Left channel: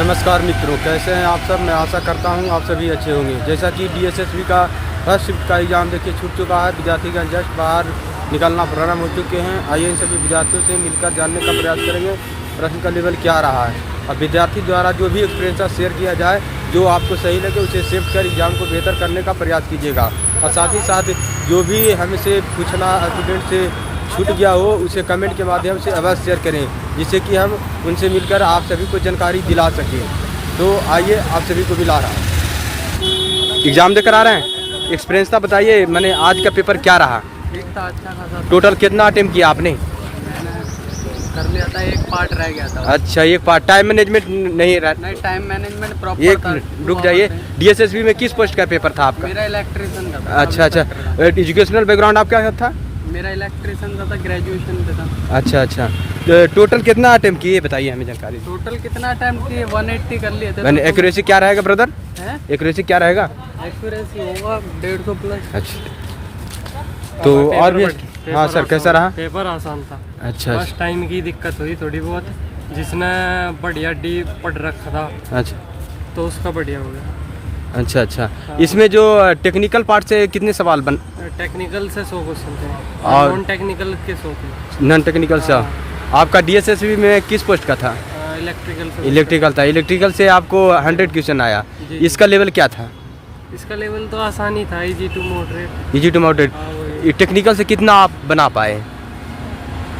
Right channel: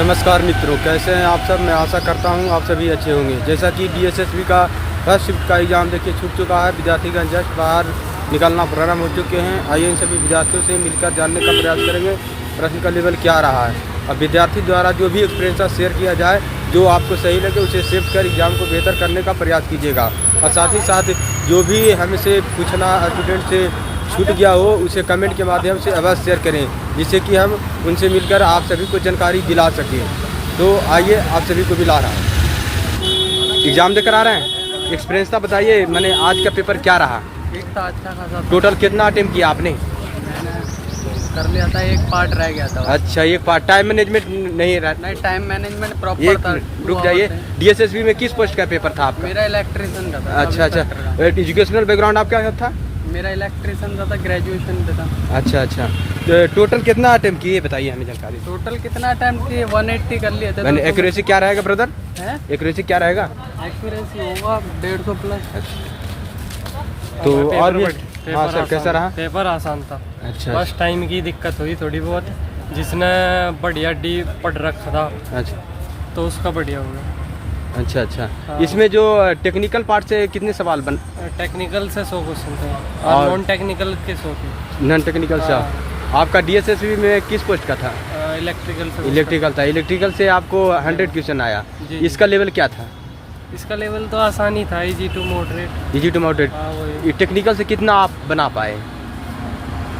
नमस्कार मित्रों, कैसे हैं आप सब। मैं आशा करता हूं आप सभी अच्छे होंगे। जैसा कि डीएसएसबी का फर्स्ट शिफ्ट का एग्ज़ाम देखिए छूट चुका है। विद्यार्थीगण जस्ट बाहर निकलना प्रारंभ हो चुके हैं। आइए इन सभी विद्यार्थियों से मिलकर जानने का प्रयास करेंगे प्रश्न का लेवल क्या रहा है। अब विद्यार्थी द्वारा जो भी एक्सपीरियंस शेयर किया जाए, जो आपको सही लगे उसे शिफ्ट कर एग्ज़ाम को बेहतर करने का प्रयास कीजिएगा। और साथ ही साथ जो भी हमसे पूछना स्टूडेंट से छूट गया हो उसे कमेंट के माध्यम से अवश्य शेयर करें, जिससे कि हम उनसे मिलकर आप सभी को जानकारी दिला सकें। तो आइए आप सभी को मिला रहा हूँ। एग्ज़ाम देकर आ रहे हैं, एक्सपीरियंस था बताइए। मैंने आज का पेपर क्या रहा? अच्छा खासा टोटल कितना अटेम्प्ट किया आपने? कर लिया था, एक पार्ट रह गया था। अच्छा, ये पार्ट टाइम मैनेजमेंट नहीं रहा। नहीं, टाइम मैनेजमेंट प्रॉपर एक था। रुक जाइए, डीएसएसबी में किस पोस्ट का पेपर था आपका? मेरा इलेक्ट्रिशियन का था। अच्छा, एजुकेशनल बैकग्राउंड आपका था? मेरा इलेक्ट्रिशियन का था, ग्रेजुएशन पे था। अच्छा, तो टोटल कितना अटेम्प्ट किए बताइए हमें जानकारी। टोटल कितना अटेम्प्ट किए? 180 कर लिए थे। मैंने एक्यूरेसी क्या रहेगा ब्रदर? एक्यूरेसी क्या रहेगा? एक्यूरेसी होगा 150 प्लस। अच्छा, तो और भी हाँ सर, कैसा रहा? पेपर आसान था। अच्छा, बस टाइम की दिक्कत हुई थोड़ी बहुत। जिसने बढ़िया डी पढ़ रखा था अच्छा तो उसका बढ़िया हो गया। अच्छा। हाँ। इसमें जो टेक्निकल पार्ट से कितने सवाल बन? टेक्निकल से 100 क्वेश्चन थे और नॉन टेक्निकल के 100 थे। नॉन टेक्निकल से हाँ। आपका डीएसएसबी में किस पोस्ट का था? इलेक्ट्रिकल से। इलेक्ट्रिकल था। इलेक्ट्रिकल से आपको 100 क्वेश्चन आया। जी। इसका लेवल क्या था? इसका लेवल तो आसान ही था, easy to moderate. Easy to moderate. हाँ, वही। टेक्निकल से कितना आप बना पाए?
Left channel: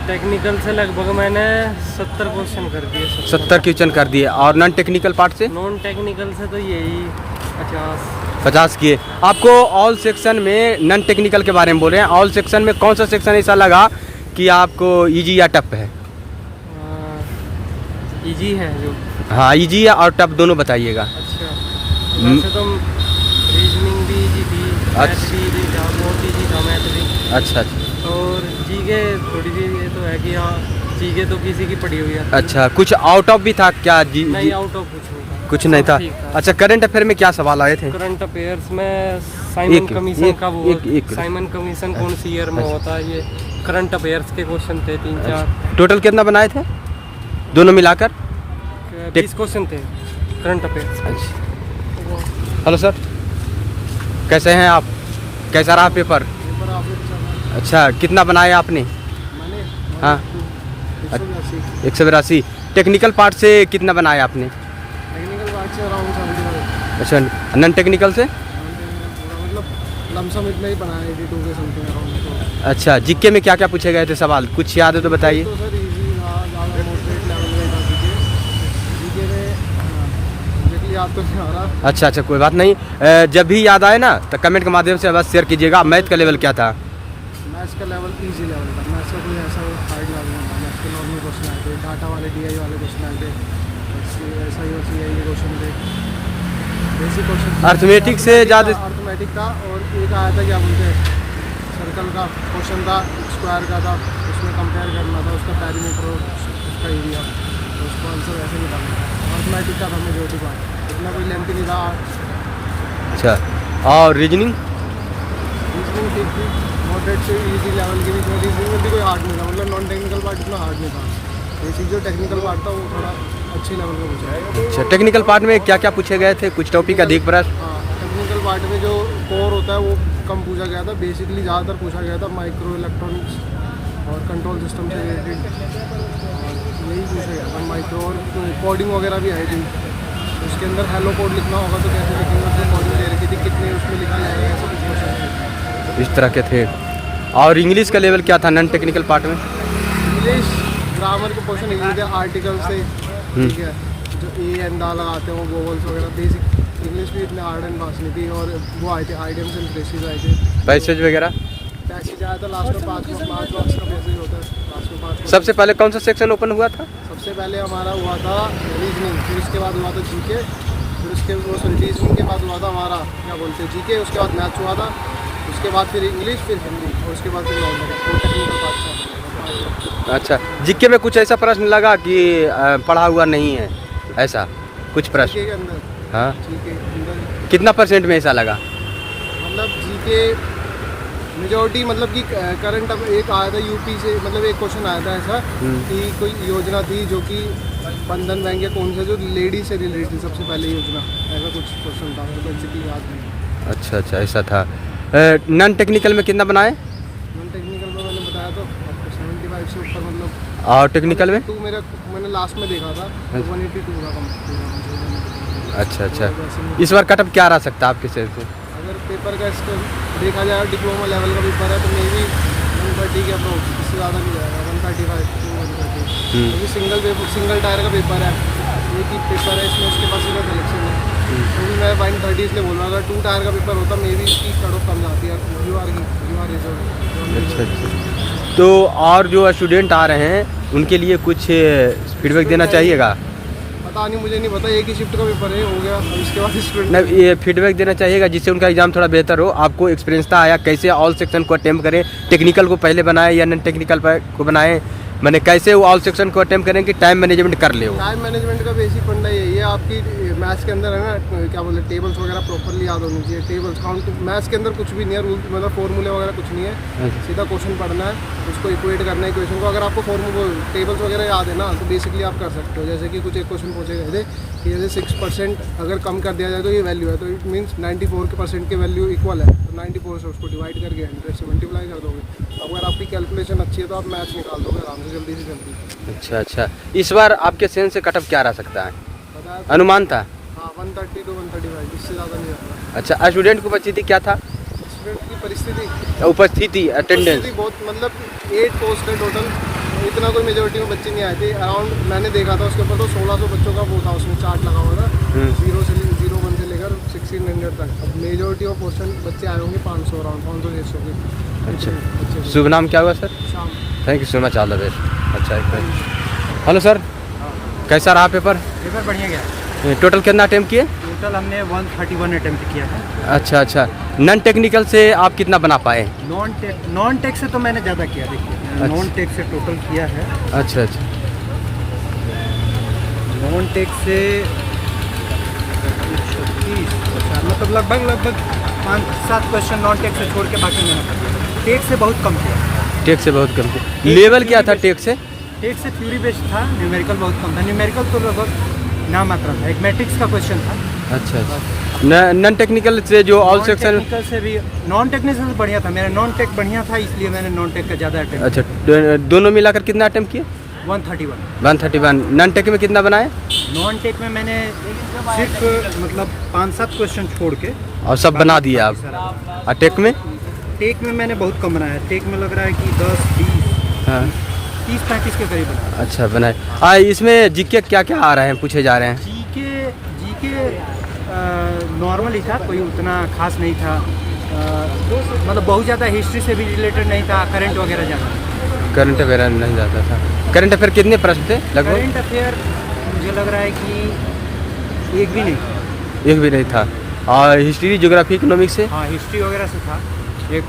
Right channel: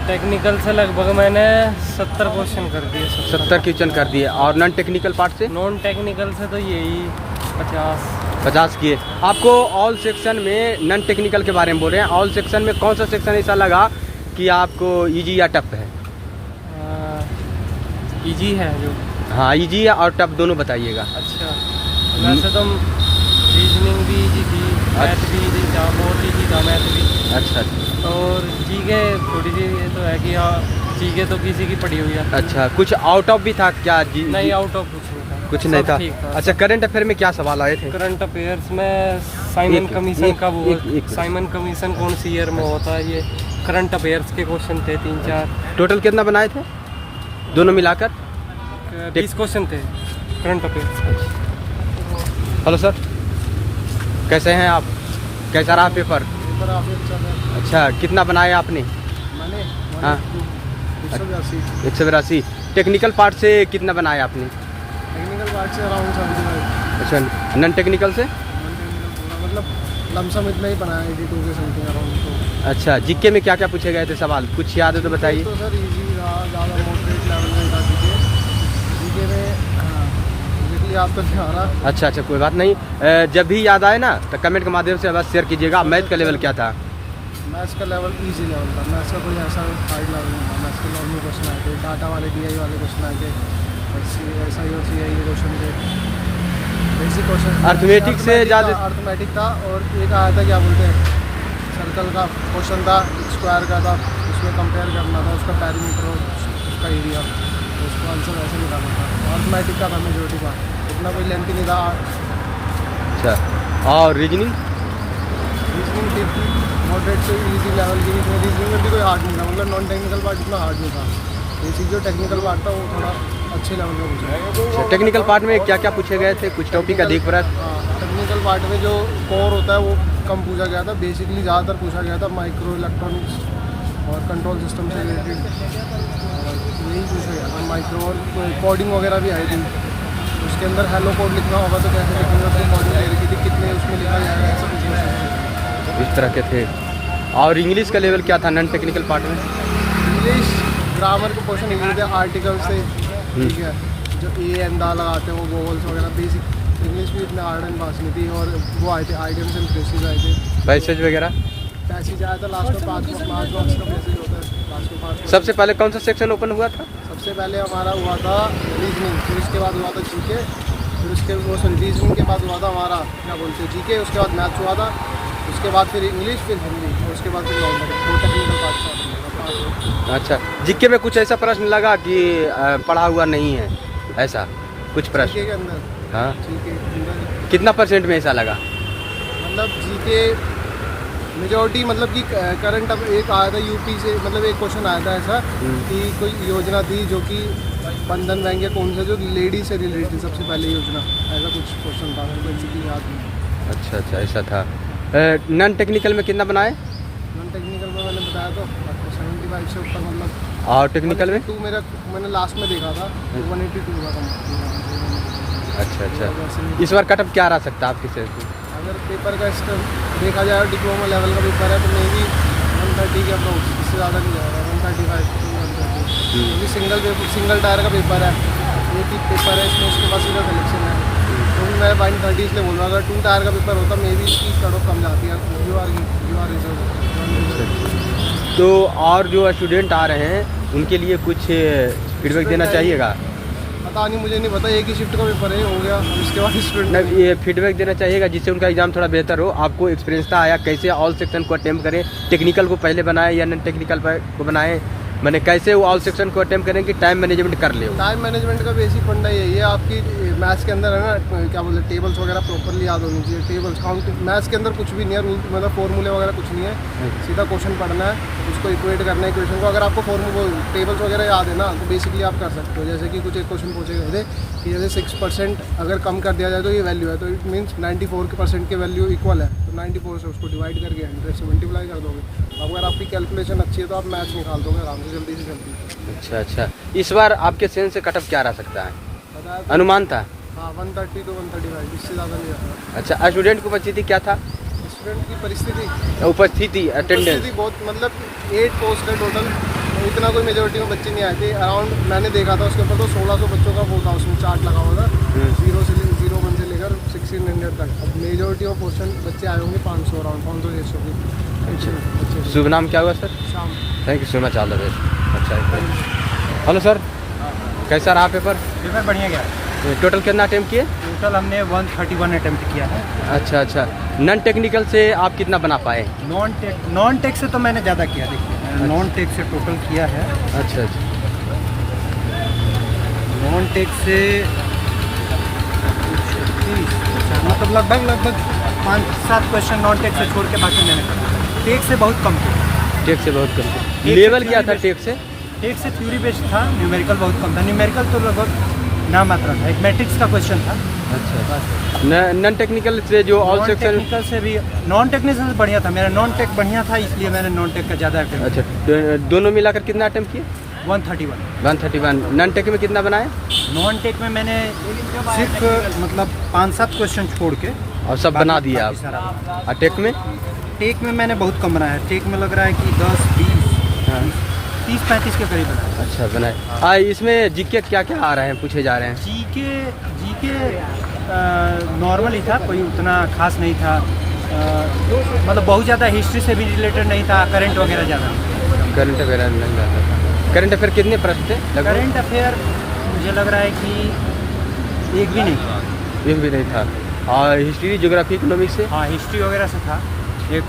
टेक्निकल से लगभग मैंने 70 क्वेश्चन कर दिए। 70 क्वेश्चन कर दिए। और नॉन टेक्निकल पार्ट से? नॉन टेक्निकल से तो यही 50 किए। आपको ऑल सेक्शन में नॉन टेक्निकल के बारे में बोल रहे हैं, ऑल सेक्शन में कौन सा सेक्शन ऐसा लगा कि आपको इजी या टफ है? इजी है जो। हाँ, इजी या और टफ दोनों बताइएगा। अच्छा, वैसे तो रीजनिंग भी इजी थी, मैथ भी इजी था, बहुत इजी था मैथ भी। अच्छा, और जीके थोड़ी सी ये तो है कि जीके तो किसी की पड़ी हुई है। अच्छा, कुछ आउट ऑफ भी था क्या? जी नहीं, आउट ऑफ कुछ नहीं था। कुछ नहीं सब था। ठीक था। अच्छा, करंट अफेयर में क्या सवाल आए थे? करंट अफेयर्स में साइमन कमीशन का वो एक साइमन कमीशन कौन सी ईयर में होता है, ये करंट अफेयर्स के क्वेश्चन थे 3-4। टोटल कितना बनाए थे दोनों मिलाकर? 20 क्वेश्चन थे करंट अफेयर्स। हेलो सर, कैसे हैं आप? कैसा रहा पेपर? पेपर काफी अच्छा था। अच्छा, कितना बनाया आपने? मैंने हाँ 182। 182। टेक्निकल पार्ट से कितना बनाया आपने? टेक्निकल पार्ट से अराउंड 75। अच्छा, नॉन टेक्निकल से? नॉन टेक्निकल पूरा मतलब लमसम इतना ही बनाया, 82 के समथिंग अराउंड। तो अच्छा, जीके में क्या क्या पूछे गए थे सवाल, कुछ याद है तो बताइए। तो सर इजी था, ज़्यादा मॉडरेट लेवल में था जीके में। हाँ, एग्जैक्टली याद तो नहीं आ रहा। अच्छा, कोई बात नहीं। जब भी याद आए ना तो कमेंट के माध्यम से अवश्य शेयर कीजिएगा। मैथ का लेवल क्या था? मैथ्स का लेवल इजी लेवल था। मैथ्स का कुछ ऐसा हार्ड लेवल नहीं था। मैथ्स के नॉर्मल क्वेश्चन आए थे, डाटा वाले DI वाले क्वेश्चन आए थे, ऐसा ही होती है ये क्वेश्चन थे, बेसिक क्वेश्चन। अर्थमेटिक से ज़्यादा अर्थमेटिक था। और एक आया था क्या बोलते हैं, सर्कल का क्वेश्चन था, स्क्वायर का था, उसमें कंपेयर करना था उसका पैरीमीटर और उसका एरिया, तो उसको आंसर ऐसे निकालना था। अर्थमेटिक का था मेजॉरिटी पार्ट, इतना कोई लेंथी नहीं था। अच्छा, और रीजनिंग? रीजनिंग ठीक थी, मॉडरेट से इजी लेवल के बीच में। रीजनिंग में भी कोई हार्ड नहीं था, मतलब नॉन टेक्निकल पार्ट इतना हार्ड नहीं था। बेसिक जो टेक्निकल पार्ट था वो थोड़ा अच्छे लेवल का पूछा है। अच्छा, टेक्निकल पार्ट में क्या क्या पूछे गए थे? कुछ टॉपिक अधिक प्रश्न? हाँ, टेक्निकल पार्ट में जो कोर होता है वो कम पूछा गया था। बेसिकली ज़्यादातर पूछा गया था माइक्रो इलेक्ट्रॉनिक्स और कंट्रोल सिस्टम से रिलेटेड, और यही पूछा गया था। माइक्रो और कोडिंग वगैरह भी आई थी। उसके अंदर हेलो कोड लिखना होगा तो कैसे लिखेंगे, उसको कोडिंग दे रखी थी, कितने उसमें लिखा जाएगा, ऐसा कुछ क्वेश्चन थे। इस तरह के थे। और इंग्लिश का लेवल क्या था नॉन टेक्निकल पार्ट में? इंग्लिश ग्रामर के क्वेश्चन इजी थे, आर्टिकल से, ठीक है, जो एंड दा लगाते हैं वो वोवल्स वगैरह। बेसिक इंग्लिश भी इतने हार्ड एंड फास्ट नहीं थी। और वो आए थे आइडियम्स एंड फ्रेजेस आए थे, पैसेज वगैरह। पैसेज आया था लास्ट में 5 मार्क्स का पैसेज होता है, लास्ट में 5। सबसे पहले कौन सा सेक्शन ओपन हुआ था? सबसे पहले हमारा हुआ था रीजनिंग, फिर उसके बाद हुआ था जीके, फिर उसके रीजनिंग के बाद हुआ था हमारा क्या बोलते हैं जीके, उसके बाद मैथ्स हुआ था, उसके बाद फिर इंग्लिश, फिर हिंदी, और उसके बाद फिर नॉन टेक्निकल पार्ट था। अच्छा, जीके में कुछ ऐसा प्रश्न लगा कि पढ़ा हुआ नहीं है, ऐसा कुछ प्रश्न? जीके के अंदर, हाँ, जीके के अंदर कितना % में ऐसा लगा? मतलब जीके मेजॉरिटी, मतलब कि करंट अब एक आया था यूपी से, मतलब एक क्वेश्चन आया था ऐसा कि कोई योजना थी जो कि बंधन बैंक या कौन सा जो लेडी से रिलेटेड सबसे पहले योजना, ऐसा कुछ क्वेश्चन था, मेरे को एग्जैक्टली याद नहीं। अच्छा अच्छा, ऐसा था। नॉन टेक्निकल में कितना बनाए? नॉन टेक्निकल में मैंने बताया तो आपको 75 से ऊपर, मतलब और टेक्निकल में? 182 मेरा मैंने लास्ट में देखा था, तो 182 था कम। अच्छा अच्छा, इस बार कटअप क्या रह सकता है आपके सेंस में? अगर पेपर का देखा जाए, डिप्लोमा लेवल का पेपर है तो मे बी 130 के अप्रोच, इससे ज़्यादा नहीं जाएगा, 135 to 130, क्योंकि सिंगल टायर का पेपर है, एक ही पेपर है इसमें, इसके पास सीधा सिलेक्शन है। तो भी मैं 130 इसलिए बोल रहा हूँ, अगर 2 टायर का पेपर होता मे बी इसकी कट ऑफ कम जाती है। You are reserve. तो और जो स्टूडेंट आ रहे हैं उनके लिए कुछ फीडबैक देना चाहिएगा? पता नहीं, मुझे नहीं पता, एक ही शिफ्ट का पेपर है, हो गया, अब इसके बाद स्टूडेंट नहीं, ये फीडबैक देना चाहिएगा जिससे उनका एग्जाम थोड़ा बेहतर हो। आपको एक्सपीरियंस था आया, कैसे ऑल सेक्शन को अटेम्प्ट करें, टेक्निकल को पहले बनाए या नॉन टेक्निकल को बनाए, मैंने कैसे वो ऑल सेक्शन को अटेम्प्ट करें कि टाइम मैनेजमेंट कर ले। टाइम मैनेजमेंट का बेसिक फंडा यही है, आपकी मैथ्स के अंदर है ना, क्या बोलते हैं, टेबल्स वगैरह प्रॉपरली याद होनी चाहिए। टेबल्स काउंटिंग, मैथ्स के अंदर कुछ भी नहीं है, रूल मतलब फॉर्मूले वगैरह कुछ नहीं है, सीधा क्वेश्चन पढ़ना है, उसको इक्वेट करना है इक्वेशन को। अगर आपको टेबल्स वगैरह याद है ना, तो बेसिकली आप कर सकते हो। जैसे कि कुछ एक क्वेश्चन पूछे गए थे कि जैसे 6% अगर कम कर दिया जाए तो ये वैल्यू है, तो इट मीन्स 94% की वैल्यू इक्वल है, तो 94 से उसको डिवाइड करके 100 से मल्टीप्लाई कर दोगे। तो अगर आपकी कैलकुलेशन अच्छी है तो आप मैथ्स निकाल दोगे आराम से, जल्दी से जल्दी। अच्छा अच्छा, इस बार आपके सेंस से कटअप क्या रह सकता है? बताया अनुमान था? हाँ, 130 to 135, इससे ज़्यादा नहीं रहता। अच्छा, स्टूडेंट को बची थी क्या था? स्टूडेंट की परिस्थिति उपस्थिति, अटेंडेंस बहुत, मतलब 8 पोस्ट है टोटल, तो इतना कोई मेजोरिटी में बच्चे नहीं आए थे। अराउंड मैंने देखा था उसके ऊपर तो 1600 बच्चों का वो था, उसमें चार्ट लगा हुआ था, 01 से लेकर 1600 तक। अब मेजोरिटी ऑफ पोर्शन बच्चे आए होंगे 500, अराउंड 500-600 के। शुभ नाम क्या हुआ सर? शाम। Thank you so much, all the best. अच्छा, हेलो सर, कैसा रहा पेपर? पेपर बढ़िया गया। टोटल कितना अटेम्प्ट किए? टोटल हमने 131 अटेम्प्ट किया है। अच्छा अच्छा, नॉन टेक्निकल से आप कितना बना पाए? नॉन टेक से तो मैंने ज़्यादा किया, देखिए नॉन टेक से टोटल किया है। अच्छा अच्छा, नॉन टेक से 36, अच्छा, मतलब लगभग 5-7 क्वेश्चन नॉन टेक से छोड़ के बाकी मैंने कर दिया। टेक से बहुत कम किया। टेक से बहुत कम किया। लेवल क्या था टेक से? टेक से थ्योरी बेस्ड था, न्यूमेरिकल बहुत कम था। न्यूमेरिकल तो लगभग नाम मात्रा था, एक मैट्रिक्स का क्वेश्चन था। अच्छा, नॉन टेक्निकल से जो ऑल सेक्शन? टेक्निकल से भी, नॉन टेक्निकल से बढ़िया था, मेरा नॉन टेक बढ़िया था, इसलिए मैंने नॉन टेक का ज़्यादा अटेम्प्ट। अच्छा, दोनों मिलाकर कितना अटेम्प्ट किए? 131। नॉन टेक में कितना बनाए? नॉन टेक में मैंने सिर्फ मतलब 5-7 क्वेश्चन छोड़ के और सब बना दिए आप? सारा। और टेक में? टेक में मैंने बहुत कम बनाया है, टेक में लग रहा है कि 10-20, हाँ, 30-35 के करीब बनाया। अच्छा बनाए। इसमें जीके क्या क्या आ रहे हैं, पूछे जा रहे हैं? जीके नॉर्मल ही था, कोई उतना खास नहीं था, मतलब बहुत ज़्यादा हिस्ट्री से भी रिलेटेड नहीं था, करंट वगैरह ज़्यादा नहीं। करंट अफेयर नहीं जाता था। करंट अफेयर कितने प्रश्न थे लगभग? करंट अफेयर मुझे लग रहा है कि एक भी नहीं था। एक भी नहीं था। और हिस्ट्री, ज्योग्राफी, इकोनॉमिक्स से? हाँ, हिस्ट्री वगैरह से था। एक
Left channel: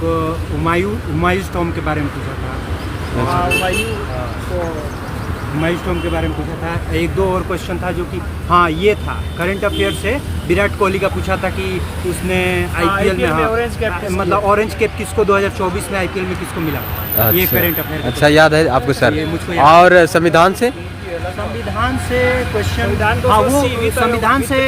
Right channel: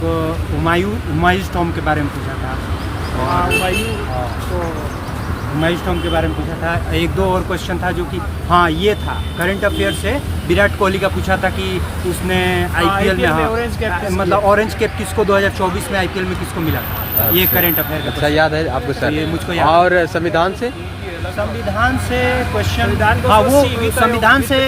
हुमायूं टॉम के बारे में पूछा था। हुमायूं टॉम के बारे में पूछा था। 1-2 और क्वेश्चन था जो कि हाँ ये था, करंट अफेयर से विराट कोहली का पूछा था कि उसने आईपीएल में, हाँ, ऑरेंज कैप, मतलब ऑरेंज कैप किसको 2024 में आईपीएल में किसको मिला था। ये करंट अफेयर। अच्छा, याद है आपको सर? ये मुझको याद। और संविधान से? संविधान से क्वेश्चन, हाँ वो संविधान से,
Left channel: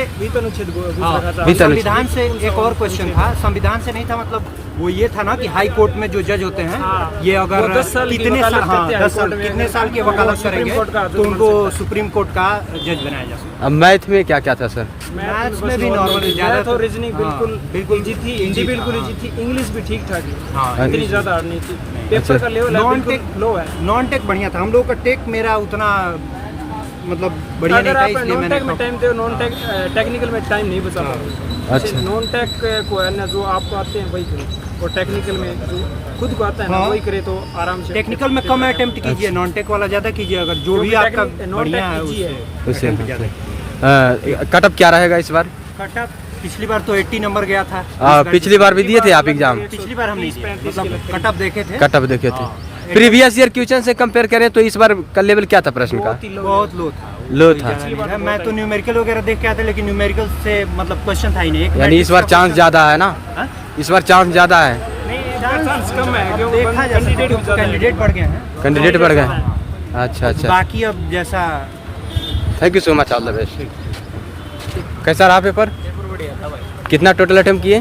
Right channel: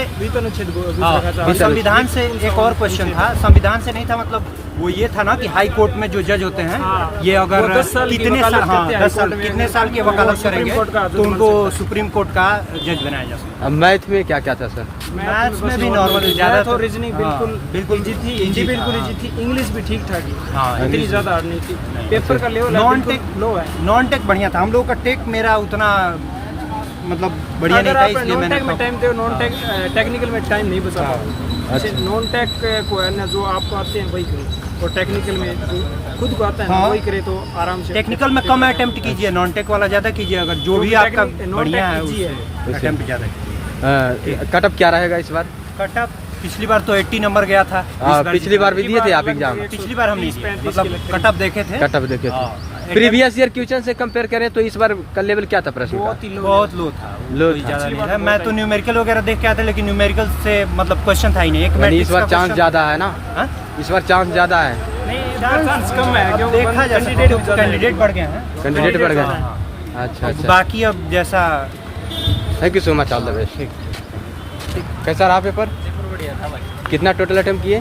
संविधान से एक और क्वेश्चन था। संविधान से नहीं था, मतलब वो ये था ना कि हाई कोर्ट में जो जज होते हैं, ये अगर कितने साल, हाँ 10 साल, कितने साल की वकालत करेंगे तो उनको सुप्रीम कोर्ट का जज बनाया जा सकता है। मैथ में क्या क्या था सर? मैथ्स में भी नॉर्मल, ज़्यादा तो रीजनिंग बिल्कुल इजी थी, हिंदी बिल्कुल इजी थी, इंग्लिश भी ठीक ठाक ही, हाँ, इतनी ज़्यादा हार्ड नहीं थी। पेपर का लेवल बिल्कुल लो है। नॉन टेक बढ़िया था। हम लोग का टेक मेरा उतना मतलब बढ़िया नहीं अगर था, आप इसलिए नॉन टेक में मैंने टाइम दे, नॉन टेक टेक्निकल में टाइम नहीं बचा पाओगे। अच्छा। नॉन टेक को है ना, जो आपको आते हैं वही करो, और टेक्निकल में जो खुद को आता है ना हाँ। वही करे तो आराम से। टेक्निकल में कम अटेम्प्ट कीजिए, नॉन टेक वाला ज़्यादा कीजिए। अगर जो भी आपका बढ़िया है टेक उससे अटेम्प्ट ज़्यादा। कटअप क्या रहेगा इस बार? कटअप पिछली बार तो 80 नंबर गया था। पिछली बार भी दिए थे आप एग्जाम? पिछली बार हम नहीं दिए, मतलब कटअप देखे थे। कटअप देखे थे। प्रीवियस ईयर क्वेश्चन से कंपेयर करें तो इस बार का लेवल क्या था प्रश्न का? बहुत लो था। लो कोई था। ज़्यादा नहीं था। मैं तो न्यूमेरिकल वगैरह देख के आया था, लेकिन न्यूमेरिकल से मतलब क्वेश्चन था ही नहीं। यानी इस बार चांस ज्यादा है ना? हाँ? इस बार चांस ज्यादा है। नहीं, चांस कम है क्योंकि देखा जा कैंडिडेट भी ज़्यादा है। कैंडिडेट बढ़ गए हैं। कैंडिडेट बढ़ गए। हाँ। अच्छा अच्छा। बाकी अब जैसा thank you so much, all the best. कैसा रहा पेपर? बढ़िया था भाई। कितना टोटल अटेम्प्ट किए?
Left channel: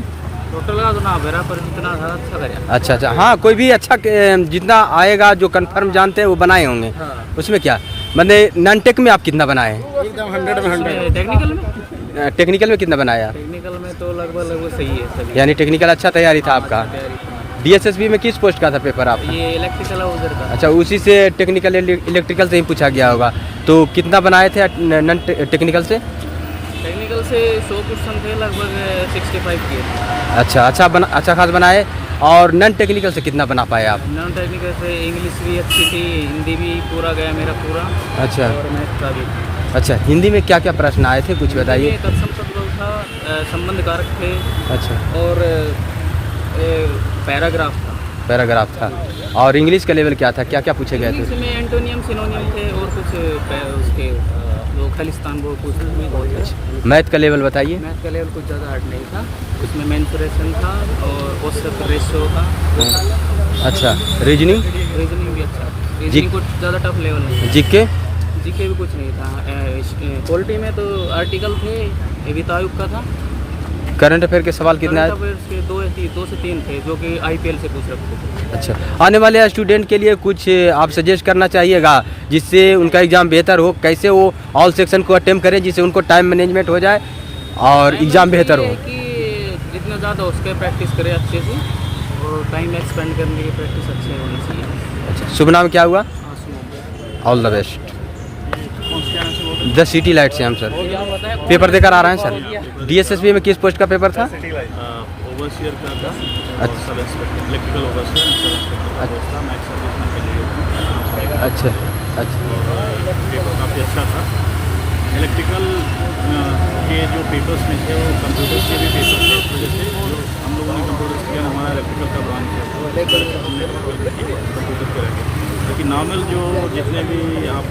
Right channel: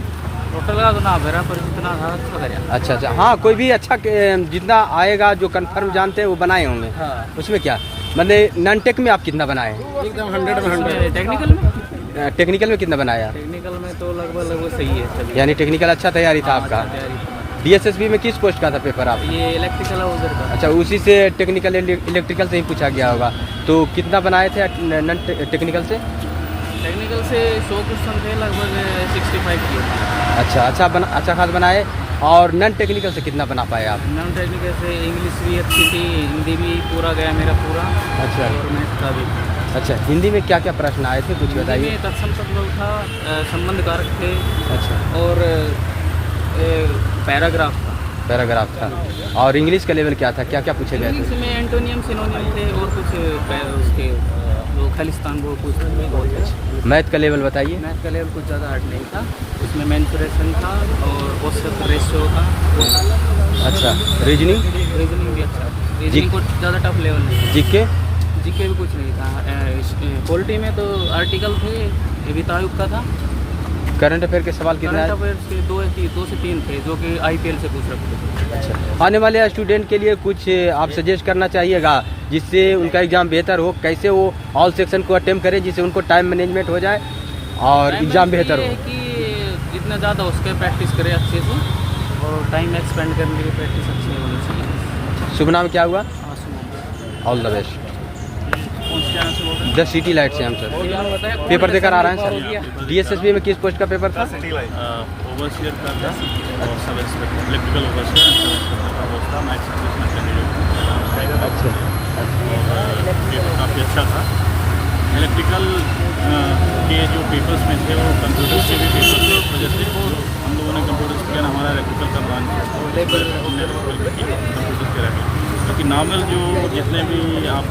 टोटल का तो ना मेरा पर इतना था अच्छा करा। अच्छा, हाँ, कोई भी अच्छा जितना आएगा जो कंफर्म जानते हैं वो बनाए होंगे। हाँ। उसमें क्या मतलब नॉन टेक में आप कितना बनाए? एकदम 100 में 100। टेक्निकल में टेक्निकल में कितना बनाया? टेक्निकल में तो लगभग सही है सभी। यानी टेक्निकल अच्छा तैयारी था आपका। अच्छा तैयारी थी। DSSB में किस पोस्ट का था पेपर आप? ये इलेक्ट्रिकल है उधर का। अच्छा, उसी से टेक्निकल इलेक्ट्रिकल से ही पूछा गया होगा। तो कितना बनाए थे नॉन टेक्निकल से? टेक्निकल से 100 क्वेश्चन थे, लगभग 65 किए। अच्छा खास बनाए। और नॉन टेक्निकल से कितना बना पाए आप? नॉन टेक्निकल से इंग्लिश भी अच्छी थी, हिंदी भी पूरा गया मेरा पूरा। अच्छा। और मैथ का भी। अच्छा, हिंदी में क्या क्या प्रश्न आए थे कुछ बताइए। हिंदी में तत्सम तद्भव था, संबंध कारक थे। अच्छा, और पैराग्राफ था। पैराग्राफ था। और इंग्लिश का लेवल क्या था, क्या क्या पूछे गए इंग्लिश थे? में एंटोनियम सिनोनियम थे और कुछ उसके जो खालिस्तान वो पूछ रहे थे बहुत अच्छे। मैथ का लेवल बताइए। मैथ का लेवल कुछ ज़्यादा हार्ड नहीं था, उसमें मेंसुरेशन था और औसत रेशियो था वो था। अच्छा, रीजनिंग? रीजनिंग भी अच्छा, रीजनिंग कुछ ज़्यादा टफ लेवल नहीं था। जीके? जीके भी कुछ नहीं था। पॉलिटी में तो आर्टिकल थे, वित्त आयोग का था। करंट अफेयर के सवाल कितना करंट है? अफेयर्स के 2 से 3 थे जो कि IPL से पूछ रखे थे। अच्छा, आने वाले स्टूडेंट के लिए कुछ आप सजेस्ट करना चाहिएगा जिससे उनका एग्ज़ाम बेहतर हो, कैसे वो ऑल सेक्शन को अटेम्प्ट करें जिससे उनको टाइम मैनेजमेंट हो जाए और एग्ज़ाम बेहतर ये हो? है कि जितना ज़्यादा हो सके प्रैक्टिस करें अच्छे से, और टाइम एक्सपेंड करने के लिए प्रैक्टिस अच्छी होनी चाहिए। शुभ नाम क्या हुआ? हाँ सुनो, ऑल द बेस्ट। कौन से चैनल से बोल रहे हैं? 10 सिटी लाइट से हम सर बताया, कौन पेपर देकर आ सा रहे हैं सर। DSSB में किस पोस्ट का पेपर था? ओवरसियर का था और sub inspector, electrical overseer and sub inspector का पोस्ट था। मैं एक सर्विसमैन कैंडिडेट हूँ, आराम से अच्छा, और पेपर काफ़ी अच्छा था। इलेक्ट्रिकल के जो पेपर्स में थे वो कंप्यूटर्स के भी पेपर थे, इस वजह से जो हम लोगों ने कंप्यूटर्स किया ना, हमारा इलेक्ट्रिकल का ब्रांच है तो इस वजह से हमने इलेक्ट्रिकल किया, कंप्यूटर के रखे। बाकी नॉर्मल जो जितने भी आप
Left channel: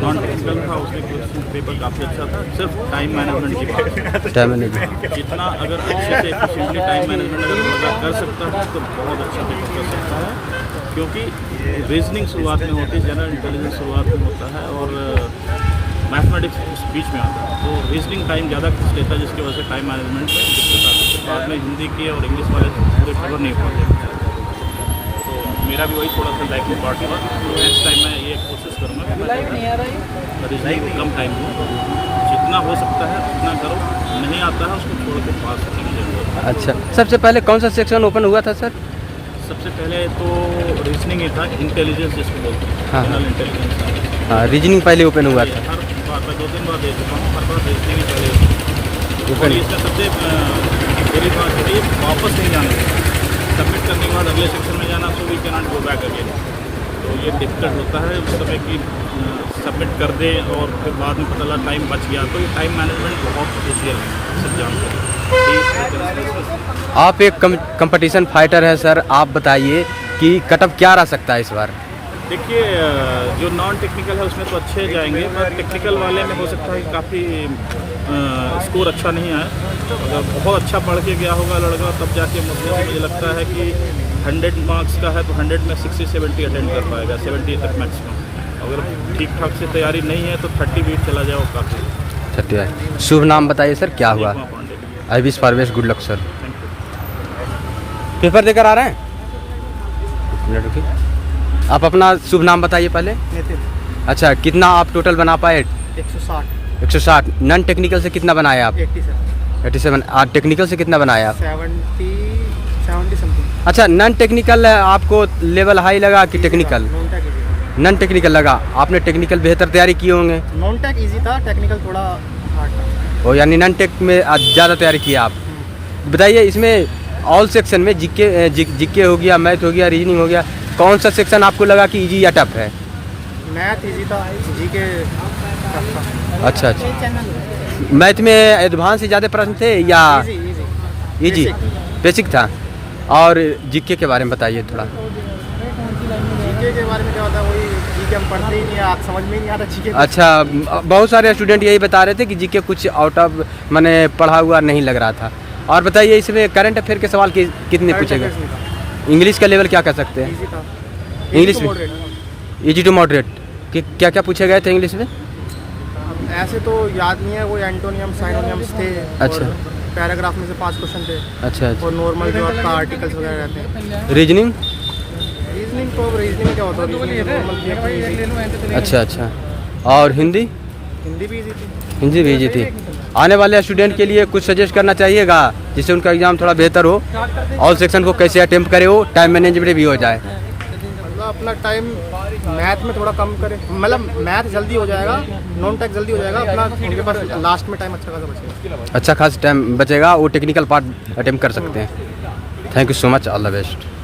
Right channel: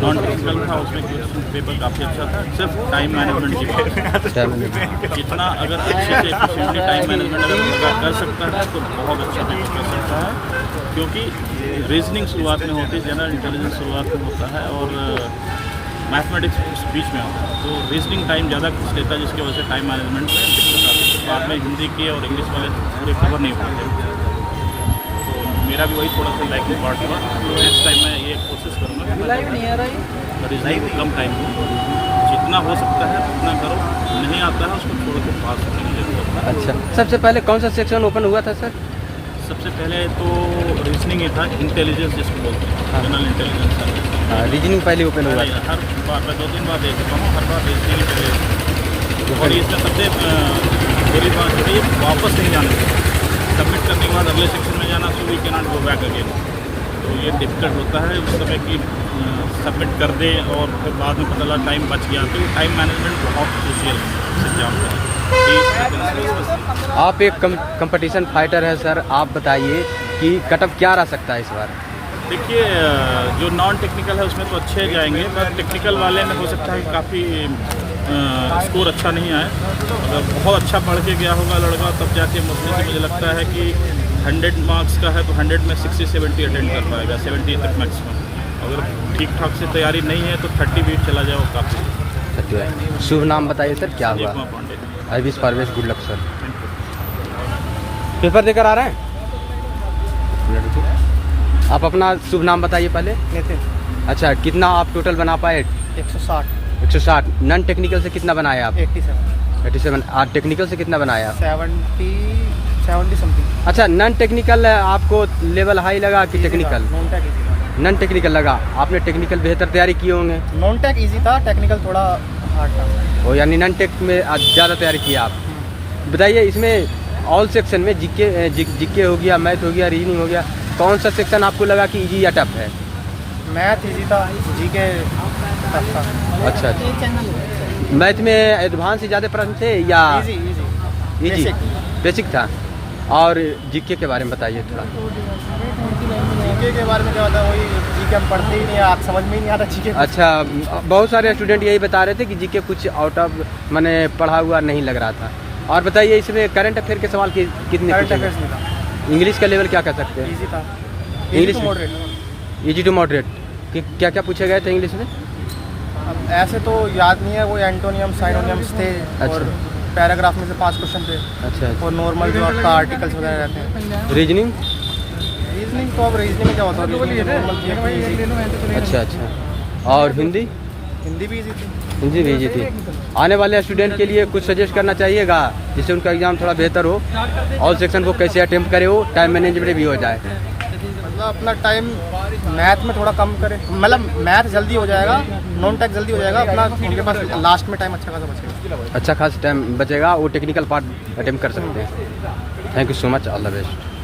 नॉन टेक्निकल था उसमें क्वेश्चन पेपर काफ़ी अच्छा था, सिर्फ टाइम मैनेजमेंट की बात है। टाइम मैनेजमेंट जितना अगर अच्छे से एफिशिएंटली टाइम मैनेजमेंट अगर लड़का कर सकता है तो बहुत अच्छा पेपर कर सकता है, क्योंकि रीजनिंग शुरुआत में होती है, जनरल इंटेलिजेंस शुरुआत में होता है और मैथमेटिक्स बीच में आता है। तो रीजनिंग टाइम ज़्यादा खींच लेता है, जिसकी वजह से टाइम मैनेजमेंट में दिक्कत आती है। फिर बाद में हिंदी के और इंग्लिश वाले पूरे कवर नहीं हो पाते। तो मेरा भी वही थोड़ा सा लैकिंग पार्ट हुआ। नेक्स्ट टाइम मैं ये कोशिश करूँगा कि मैं रीजनिंग को कम टाइम दूँ, जितना हो सकता है उतना करो, नहीं आता है उसको छोड़ के पास होने की ज़रूरत है। अच्छा, सबसे पहले कौन सा सेक्शन ओपन हुआ था सर? सबसे पहले तो रीजनिंग ही था, इंटेलिजेंस जिसको बोलते हैं, हाँ। जनरल इंटेलिजेंस एंड हाँ, रीजनिंग पहले ओपन हुआ था। हर बार मैं 2-3 बार दे चुका हूँ, हर बार रीजनिंग ही पहले होती है। और इसमें सबसे बुरी बात है ये वापस नहीं जाने देते, सबमिट करने के बाद अगले सेक्शन में जाना, so we can not go back again. तो ये डिफिकल्ट होता है उस समय कि सबमिट कर दे और फिर बाद में पता लगा टाइम बच गया। तो ये टाइम मैनेजमेंट बहुत क्रूशियल है इस एग्जाम के लिए। आप एक कंपटीशन फाइटर है सर, आप बताइए कि कटअप क्या रह सकता है इस बार? देखिए, जो नॉन टेक्निकल है उसमें तो अच्छे जाएंगे, पर टेक्निकल वाले में हो सकता है कि काफ़ी स्कोर अच्छा नहीं आए। अगर बहुत अच्छा पढ़ के गया होगा लड़का तब जाके मुश्किल से मुझे लगता है कि 100 मार्क्स का है तो 100 में 60-70 अटेंड कर पाएगा, 70 तक मैक्सिमम। अगर ठीक ठाक से तैयारी नहीं है तो 30 बीट चला जाए वो काफ़ी। शुभ नाम बताइए सर, क्या हुआ? Pandey. I wish for best good luck sir. Thank you. Paper देकर आ रहे हैं? आप अपना शुभ नाम बताइए पहले। नितिन। अच्छा, कितना आप टोटल बना पाए? 160। 160। नॉन टेक्निकल से कितना बनाया आप? 87। और टेक्निकल से कितना बनाया आप? 70 समथिंग। अच्छा, नॉन टेक्निकल आपको लेवल हाई लगा कि technical? Non tech easy non technical लगा। आपने टेक्निकल बेहतर तैयारी किए होंगे। था। नॉन टेक इजी था, टेक्निकल थोड़ा हार्ड था। ओ यानी नॉन टेक में ज़्यादा तैयारी किया आप। बताइए, इसमें ऑल सेक्शन में जीके हो गया, मैथ हो गया, रीजनिंग हो गया, कौन सा सेक्शन आपको लगा कि इजी या टफ है? मैथ इजी था, जीके टफ था। अच्छा, मैथ में एडवांस से ज़्यादा प्रश्न थे या इजी? बेसिक था। और जीके के बारे में बताइए थोड़ा। जीके के बारे में क्या होता है, वही जीके हम पढ़ते ही नहीं, आप समझ में ही नहीं आता जीके। अच्छा, बहुत सारे स्टूडेंट यही बता रहे थे कि जीके कुछ आउट ऑफ मैंने पढ़ा हुआ नहीं लग रहा था। और बताइए, इसमें करंट अफेयर के सवाल कितने पूछे गए? इंग्लिश का लेवल क्या कह सकते हैं? इजी था। English moderate. Easy to moderate. क्या क्या पूछे गए थे इंग्लिश में? अब ऐसे तो याद नहीं है, वो एंटोनियम साइनोनियम्स थे अच्छा। और पैराग्राफ में से 5 क्वेश्चन थे अच्छा और नॉर्मल जो आपका आर्टिकल्स वगैरह रहते हैं। रीजनिंग। रीजनिंग तो अब रीजनिंग क्या होता है, रीजनिंग नॉर्मल की अपनी। अच्छा अच्छा। और हिंदी? हिंदी भी इजी थी। हिंदी भी इजी थी। आने वाले स्टूडेंट के लिए कुछ सजेस्ट करना चाहिएगा जिससे उनका एग्ज़ाम थोड़ा बेहतर हो, ऑल सेक्शन को कैसे अटेम्प्ट करे, हो टाइम मैनेजमेंट भी हो जाए। मतलब अपना टाइम मैथ में थोड़ा कम करे, मतलब मैथ जल्दी हो जाएगा, नॉन टेक जल्दी हो जाएगा, अपना उनके पास लास्ट में टाइम अच्छा खासा बचेगा। अच्छा खास टाइम बचेगा, वो टेक्निकल पार्ट अटेम्प्ट कर सकते हैं। Thank you so much, all the best.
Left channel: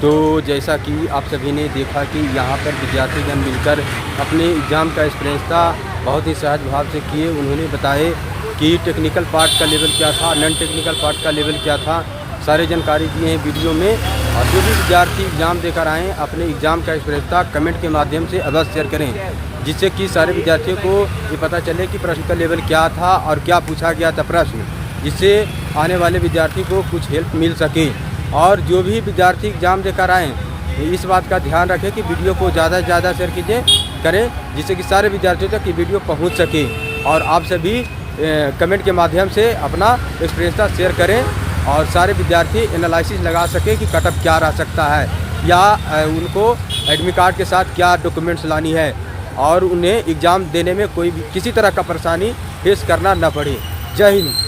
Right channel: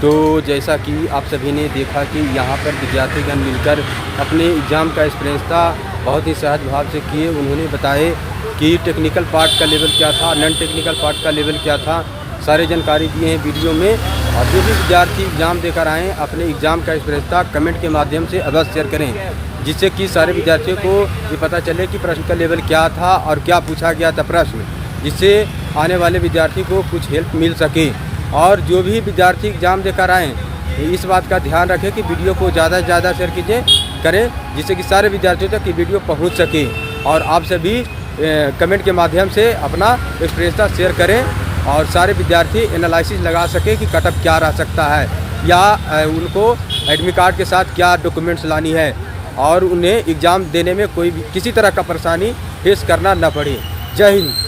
तो जैसा कि आप सभी ने देखा कि यहाँ पर विद्यार्थीगण मिलकर अपने एग्ज़ाम का एक्सपीरियंस था बहुत ही सहज भाव से किए। उन्होंने बताए कि टेक्निकल पार्ट का लेवल क्या था, नॉन टेक्निकल पार्ट का लेवल क्या था, सारी जानकारी दिए हैं वीडियो में। और जो भी विद्यार्थी एग्ज़ाम देकर आएँ अपने एग्ज़ाम का एक्सपीरियंस था कमेंट के माध्यम से अवश्य शेयर करें, जिससे कि सारे विद्यार्थियों को ये पता चले कि प्रश्न का लेवल क्या था और क्या पूछा गया था प्रश्न, जिससे आने वाले विद्यार्थी को कुछ हेल्प मिल सके। और जो भी विद्यार्थी एग्ज़ाम देकर आएँ इस बात का ध्यान रखें कि वीडियो को ज़्यादा से ज़्यादा शेयर करें, जिससे कि सारे विद्यार्थियों तक ये वीडियो पहुंच सके। और आप सभी कमेंट के माध्यम से अपना एक्सपीरियंस शेयर करें और सारे विद्यार्थी एनालिसिस लगा सके कि कट ऑफ क्या रह सकता है या उनको एडमिट कार्ड के साथ क्या डॉक्यूमेंट्स लानी है और उन्हें एग्ज़ाम देने में कोई भी किसी तरह का परेशानी फेस करना न पड़े। जय हिंद।